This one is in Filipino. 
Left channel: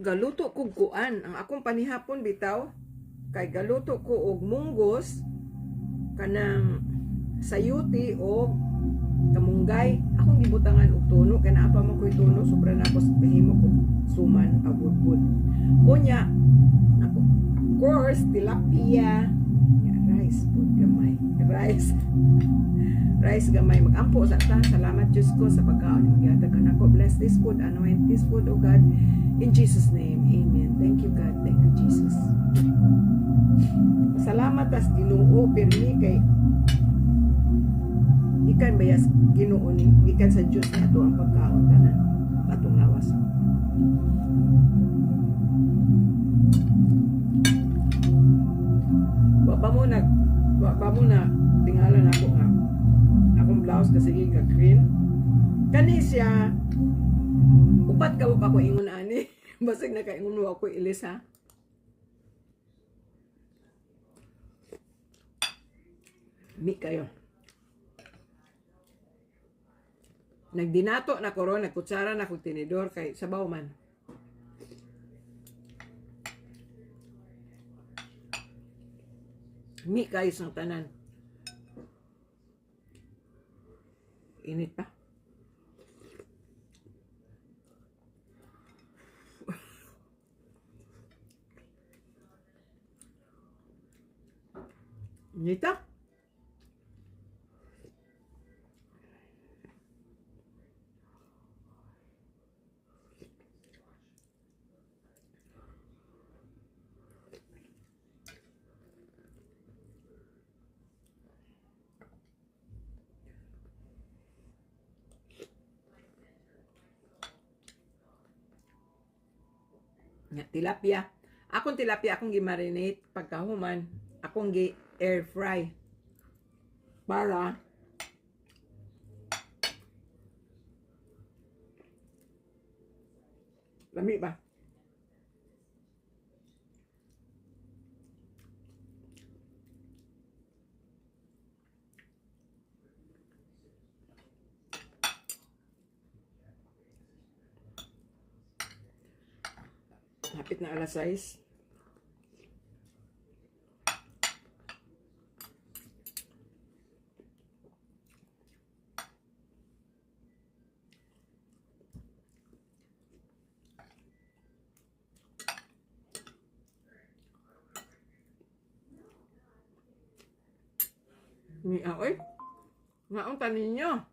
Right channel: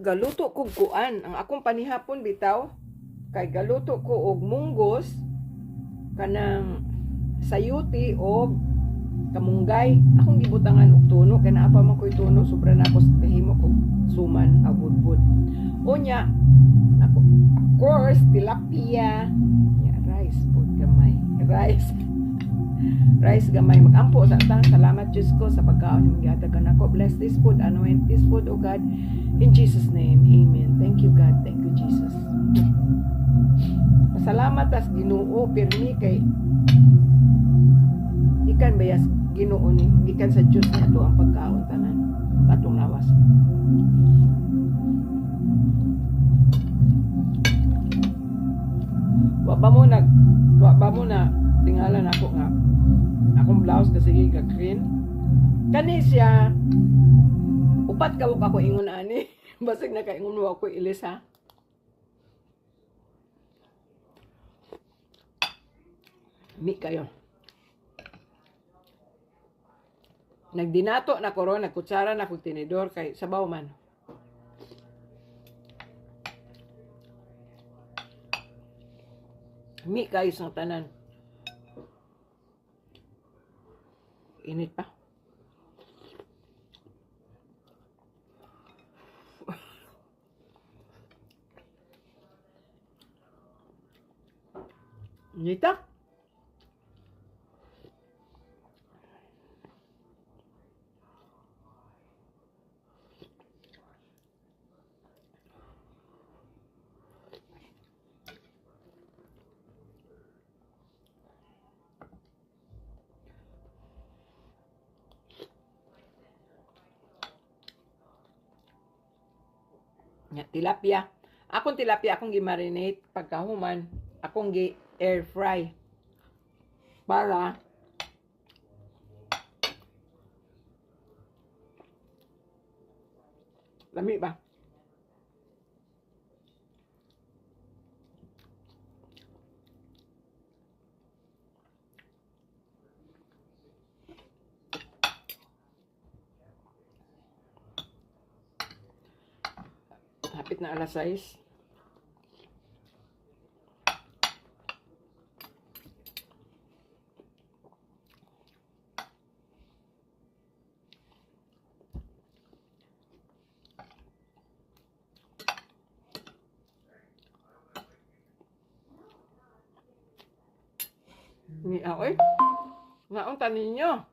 galuto ko kuan ang akong panihapon bitaw kay galuto ko og munggos kanang sayuti og kamunggay. Akong gibutangan og tuno kay naa pa man koy tuno sobra na ako sa kahimok og suman abudbud. Unya ako of course tilapia, ya, rice food gamay, rice gamay magampo sa ta. Salamat Diyos ko sa pagkaon mo gihatag ako. Bless this food, anoint this food, oh God, in Jesus name, amen. Thank you God, thank you Jesus. Salamat as Ginoo pirmi kay gikan bayas Ginoo ni gikan sa Dios ni ato ang pagkaon tanan atong lawas. Wa ba mo na tingalan ako nga akong blouse kasi giga-green kani siya upat kawok ako ingon ani basig nakaingon mo ako ilis ha. Mi kayo. Nagdinato na ko ron, nagkutsara na kong tinidor kay sabaw man. Mi kayo sa tanan. Init pa. Init pa. Tilapia. Akong tilapia akong gi-marinate pagkahuman, akong gi-air fry para lami ba? Hapit na alas 6. Ni aoy. Naong tanin nyo.